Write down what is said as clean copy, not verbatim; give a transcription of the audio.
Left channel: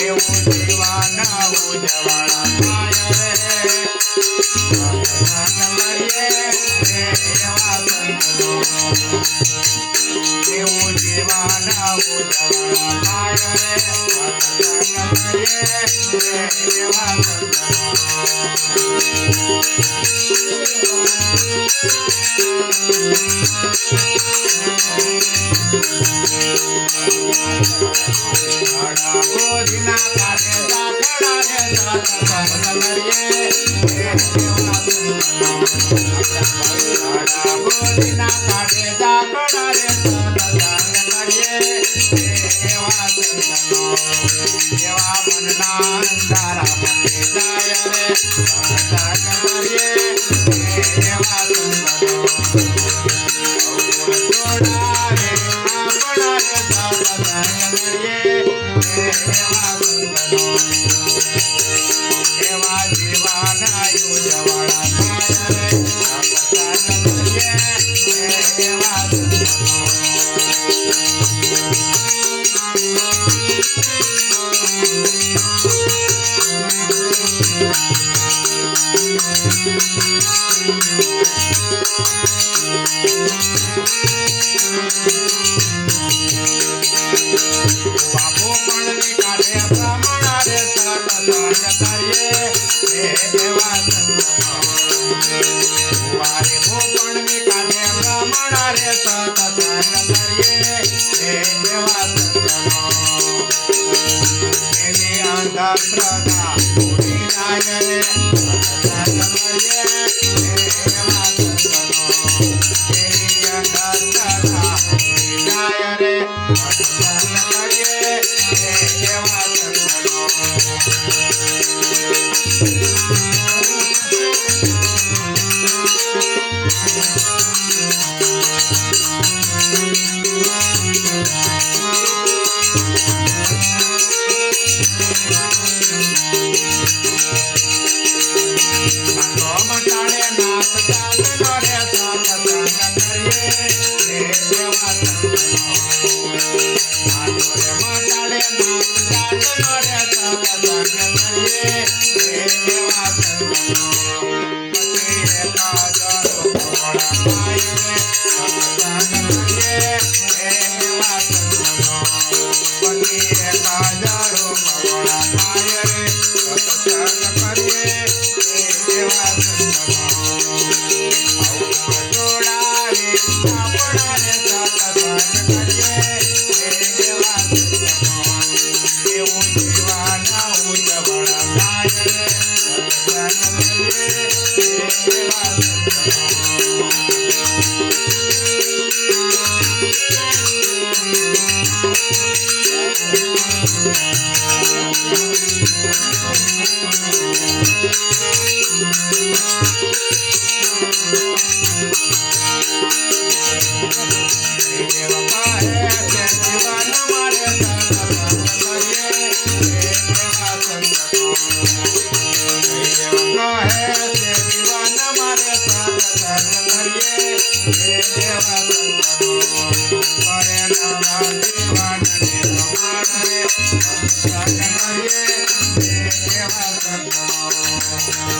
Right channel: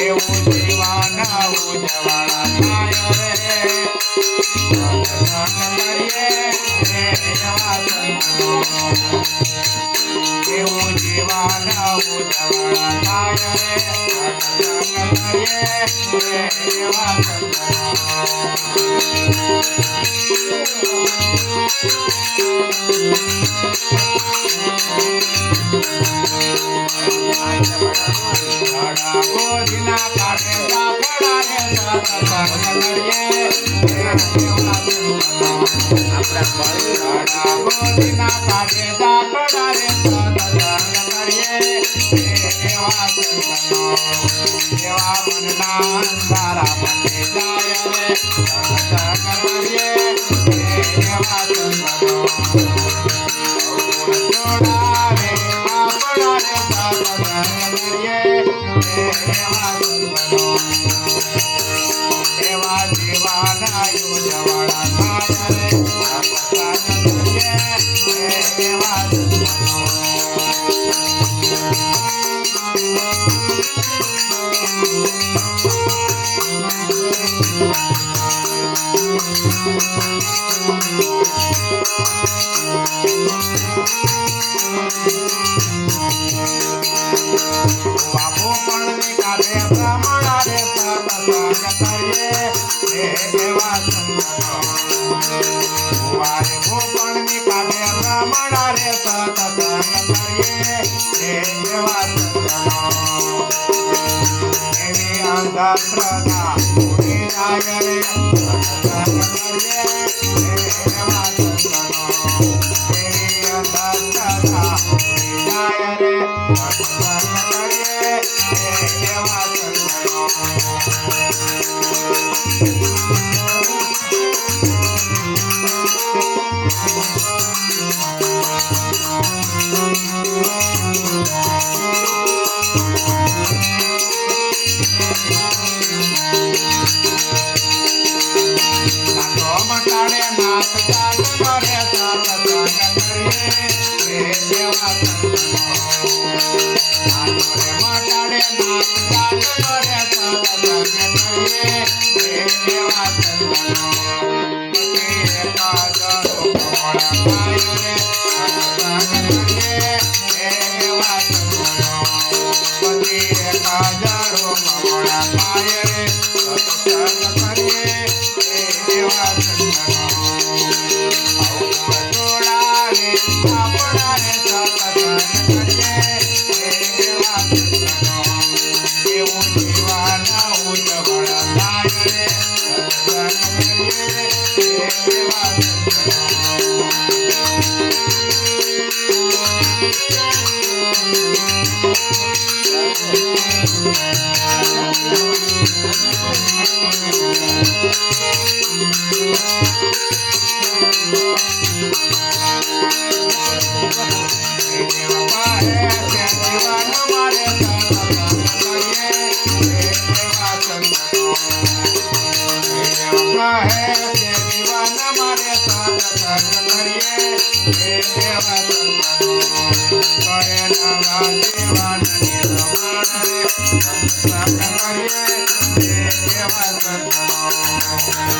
એવું જીવાના ઉજવાળા થાય રે કરીએ એવા સંતો એવું જીવાના ઉજવાળા થાય રે કરીએ એવા સંતો ગોધીના કાઢે જાખડા રે સતસંગ કરીએ ગોધીના કાઢે જાખડા રે સતસંગ કરીએ એવા સંતો એવા મનના અંધારા પતે જાય રે સતસંગ કરીએ એવા સંતો એવા જીવાના ઉજવાળા થાય રે એવા બાપુ પણ કાઢે બ્રાહ્મણા રે સતસંગ કરીએ એવા સંતો વારે ભૂપણ કાઢે બ્રાહ્મણા રે સતસંગ કરીએ એવા સંતો એની અંધશ્રદ્ધા ઉડી જાય રે સતસંગ કરીએ એવા સંતો એની અંધશ્રદ્ધા ઉડી જાય રે સતસંગ કરીએ એવા સંતો Thank you.